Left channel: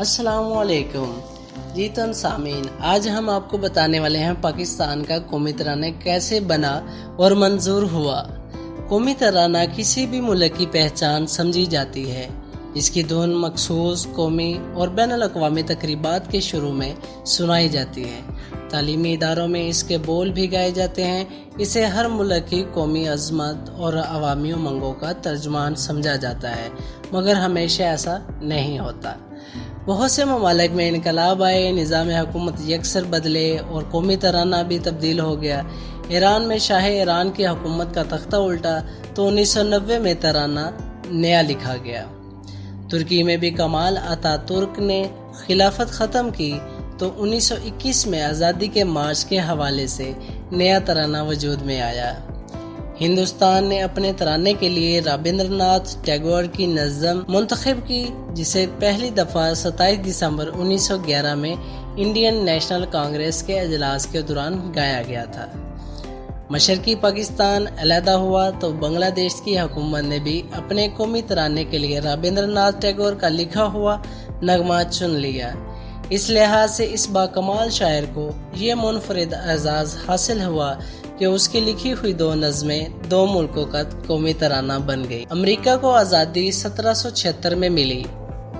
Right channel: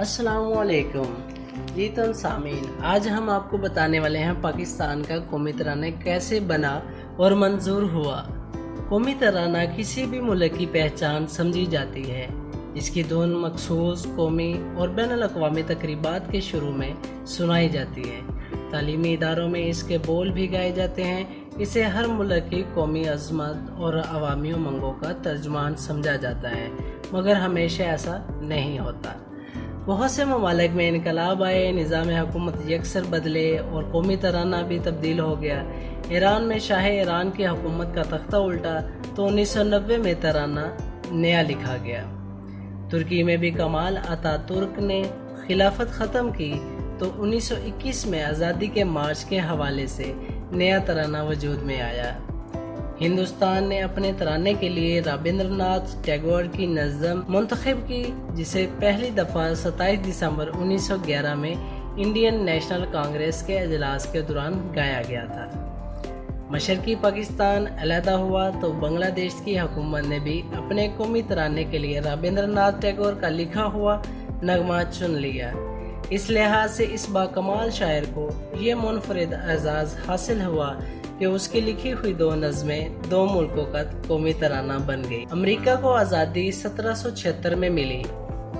अस्सलाम वालेकुम जी सامईन, आज हम आपको बताने वाले हैं पाकिस्तान का कौमी तराना कैसे बना और मंजूर हुआ। कौमी तराना किसी भी मुल्क की पहचान समझी जाती है। इसकी धुन मखसूस कौमी और बैनुल अक़वामी तकरीबात के शुरू में सुनाई जाती है। तालीमी इदारों में इसके बोल भी गाए जाते हैं। इसे हर मुल्क की कौमी अज़मत और अवामी उमंगों का तर्जुमान समझा जाता है, मगर हमेशा ऐसा नहीं होता। बहुत से ममालिक में इनकलाब आए, निज़ाम हुकूमत यकसर बदले और कौमी तराना भी तब्दील हो गया। ईरान में शाह ईरान की हुकूमत का तख्ता उल्टा तो 1990 में तराना नया लिखा गया। तुर्की में भी कमाल अतातुर्क ने खिलाफत ख़त्म की तो 1921 में आज़ादी के मार्च के हवाले से नया तराना वजूद में आया। हिंदुस्तान ने अपने तराने के लिए रविंद्रनाथ टैगोर की नज़म मुंतखब की, जिसे पहली दफ़ा 27 दिसंबर 1911 में इंडियन नेशनल कांग्रेस के अजलास के दौरान गाया गया था। मशरकी पाकिस्तान अलहदा हुआ तो बांग्लादेश की हुकूमत ने भी अपने कौमी तराने के लिए रविंद्रनाथ टैगोर का लिखा हुआ नगमा चुन लिया। इस लिहाज से इस बाकमाल शायर को ये मुनफरिद एजाज़ हासिल हुआ कि उसकी लिखी हुई दो नज़में दो मुल्कों का कौमी तराना बन गई। अमेरिका को आज़ादी 1776 में मिली,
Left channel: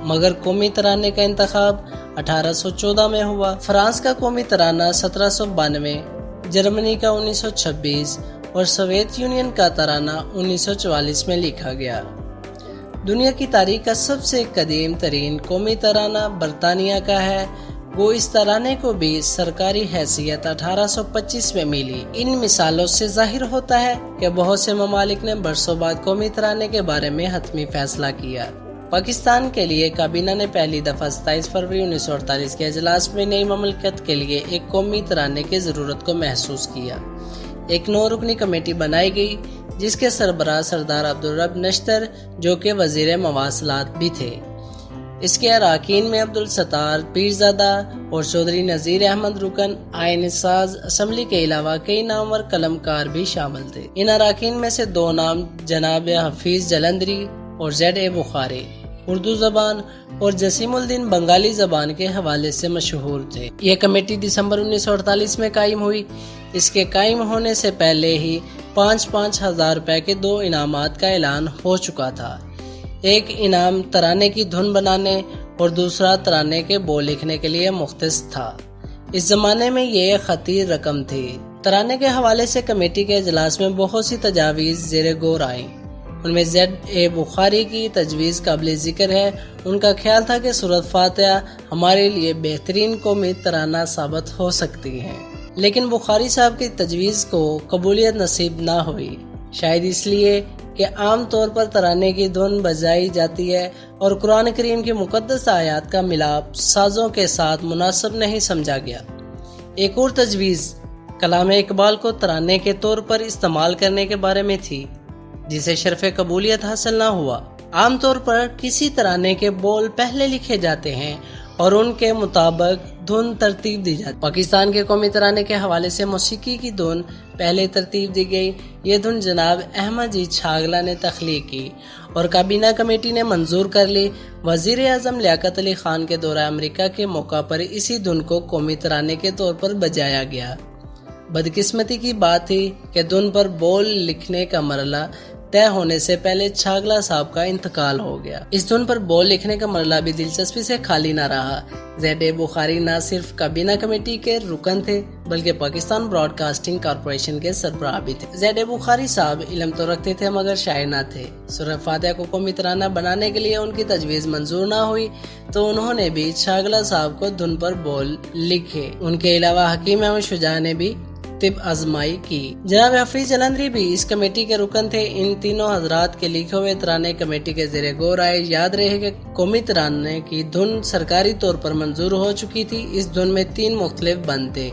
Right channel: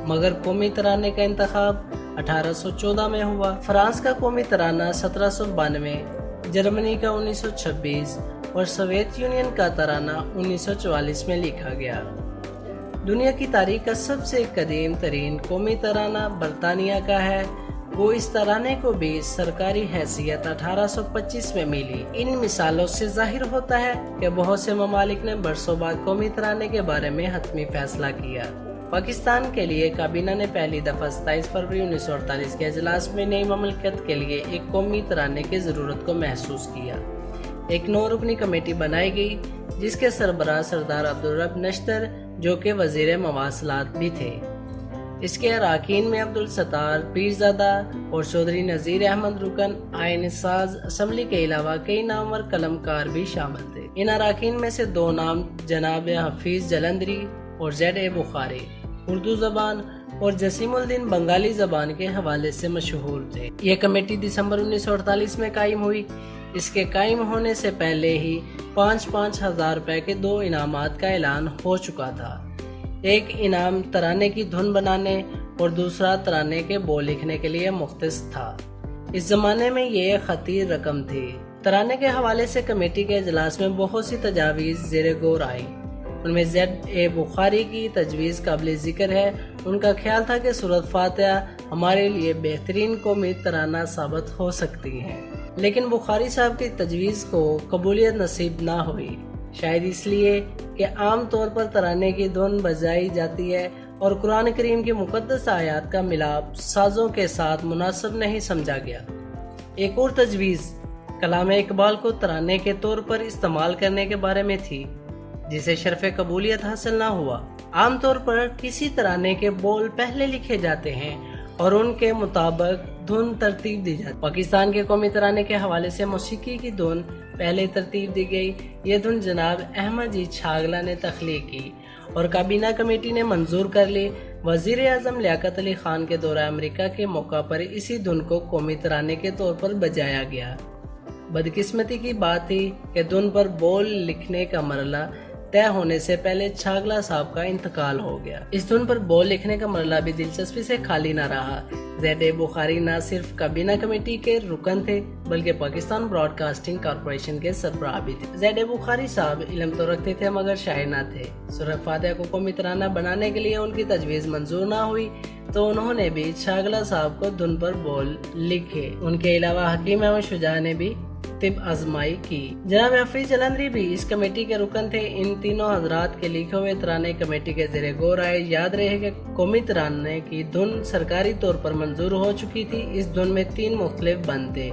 मगर कौमी तराने का इंतखाब 1814 में हुआ। फ्रांस का कौमी तराना 1792, जर्मनी का 1926 और सोवियत यूनियन का तराना 1944 में लिखा गया। दुनिया की तारीख का सबसे कदीम तरीन कौमी तराना बरतानिया का है। वो इस तराने को भी सरकारी हैसियत 1825 में मिली। इन मिसालों से जाहिर होता है कि बहुत से ममालिक ने बरसों बाद कौमी तराने के बारे में हतमी फैसला किया। पाकिस्तान के लिए काबीना ने पहली दफ़ा 27 फरवरी 1948 के अजलास में नई ममलकत के लिए एक कौमी तराने की ज़रूरत को महसूस किया। एक 9 रुकनी कमेटी बनाई गई, जिसके सरबराह सरदार अब्दुल रब नश्तर, जो कि वज़ीर मवासलात भी थे। इसके अरकान में अब्दुल सत्तार पीरज़ादा और चौधरी नज़ीर अहमद रुकन आईन साज असम्बली के अलावा कई नामवर कलमकार भी शामिल थे। इन अरकान में से 2 नाम जनाब हफीज जलंधरी और ज़ेड बुखारी उर्दू ज़बान और जसीमुद्दीन बंगाली ज़बान के हवाले से मशहूर थे। यह कमेटी दिसंबर 1948 में कायम हुई। इसके कायम होने से पहले ही 5-5 हज़ार रुपए के 2 इनामात का ऐलान हो चुका था। एक इनाम तराने की धुन बनाने और दूसरा तराने के बोल लिखने के लिए मुख्तस था। इस ज़माने में ये खतीर रकम थी। तराने के हवाले से कमेटी के इजलास में बहुत सी तजावीज़ ज़ेर गौर आई। उनमें ज़ेड बुखारी की तजवीज़ काबिल ज़िक्र है। उनका ख्याल था कि सूरत फातिहा हमारे लिए बेहतरीन कौमी तराना साबित हो सकती है, लेकिन बुखारी साहब की तजवीज़ को कबूलियत नसीब ना हुई। शायद इसलिए कि आम तौर पर तराने की धुन बजाई जाती है और कुरान करीम की मुकद्दस आयात का मिलाप साजों के साथ मुनासिब नहीं समझा गया। एक और तजवीज़ कलाम इकबाल को तराने के तौर पर इस्तेमाल करने के बारे में थी, जिसे शर्फ कबूलियत हासिल ना हुआ। आम तौर पर किसी तराने के बोल पहले लिखे जाते हैं और उनके मुताबिक धुन तरतीब दी जाती है। पाकिस्तान के कौमी तराने के हवाले से मौसीकी की धुन पहले तरतीब दी गई। ये धुन जनाब अहमद जी छागला ने तख्लीक की और काबीना कमेटी ने मंजूर कर ली। वज़ीर आज़म लियाकत अली खान के दौरा अमेरिका के मौका पर इसी धुन को कौमी तराने के तौर पर बजाया गया। बदकिस्मती की बात थी कि धुन पर बोल लिखने का मरला तय होने से पहले छागला साहब का इंतकाल हो गया। इस धुन पर बोल लिखने का मरला भी दिलचस्पी से खाली ना रहा। ज़ेड बुखारी न सिर्फ काबीना कमेटी के रुकन थे, बल्कि पाकिस्तान ब्रॉडकास्टिंग कॉरपोरेशन के सरबराह भी थे। ज़ेड बुखारी साहब इल्म तो रखते थे, मगर शायर ना थे। सूरत फातिहा को कौमी तराना बनाने के लिए उनकी तजवीज़ मंजूर ना हुई तो उन्होंने भी छागला साहब को धुन पर बोल लिखे। उनके अलावा हकीम अहमद शुजा ने भी तिब आजमाई की। जनाब हफीज जलंधरी भी इस कमेटी के रुकन थे। इन तीनों हजरात के लिखे हुए तराने कमेटी के ज़ेरे गौर आए। याद रहे कि कौमी तराने की धुन सरकारी तौर पर मंजूर हो चुकी थी। इस धुन में 3 मुख्तलिफ बंद थे,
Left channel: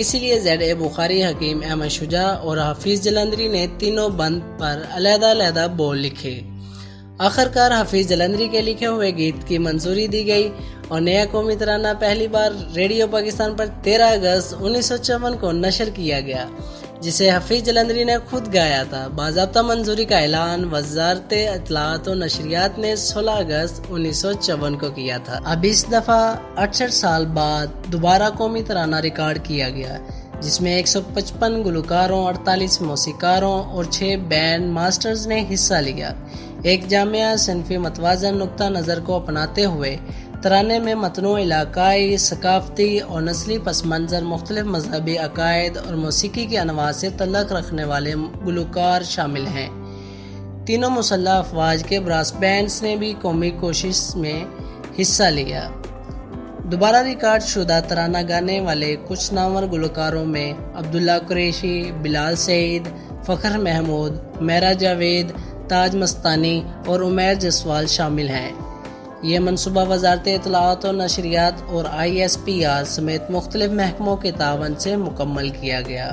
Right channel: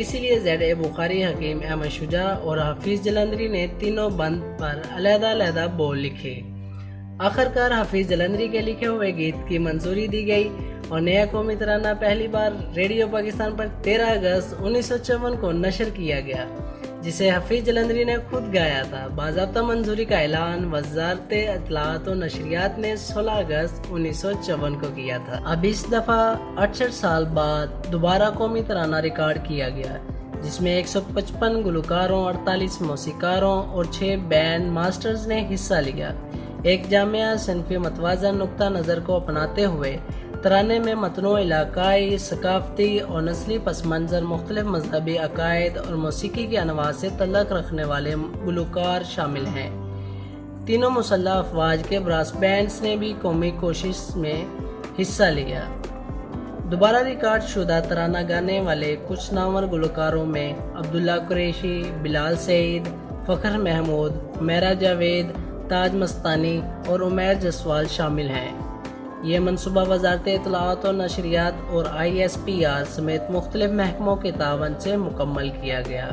इसीलिए ज़ेड बुखारी, हकीम अहमद शुजा और हफीज जलंधरी ने तीनों बंद पर अलहदा बोल लिखे। आखिरकार हफीज जलंधरी के लिखे हुए गीत की मंजूरी दी गई और नया कौमी तराना पहली बार रेडियो पाकिस्तान पर 13 अगस्त 1954 को नशर किया गया। جسے حفیظ جلندری نے خود گایا تھا۔ باضابطہ منظوری کا اعلان وزارت اطلاعات و نشریات نے 16 اگست 1954 کو کیا تھا۔ اب اس دفعہ 68 سال بعد دوبارہ قومی ترانہ ریکارڈ کیا گیا، جس میں 155 گلوکاروں، 48 موسیقاروں اور 6 بینڈ ماسٹرز نے حصہ لیا۔ ایک جامع صنفی متوازن نقطہ نظر کو اپناتے ہوئے ترانے میں متنوع علاقائی، ثقافتی اور نسلی پس منظر، مختلف مذہبی عقائد اور موسیقی کے انواع سے تعلق رکھنے والے گلوکار شامل ہیں۔ تینوں مسلح افواج کے براس بینڈز نے بھی قومی کوشش میں حصہ لیا۔ دوبارہ ریکارڈ شدہ ترانہ گانے والے کچھ نامور گلوکاروں میں عبداللہ قریشی، بلال سعید، فخر محمود، میرا جاوید، تاج مستانی اور عمیر جسوال شامل ہیں۔ یہ منصوبہ وزارت اطلاعات و نشریات اور ISPR سمیت مختلف محکموں کے تعاون سے مکمل کیا گیا۔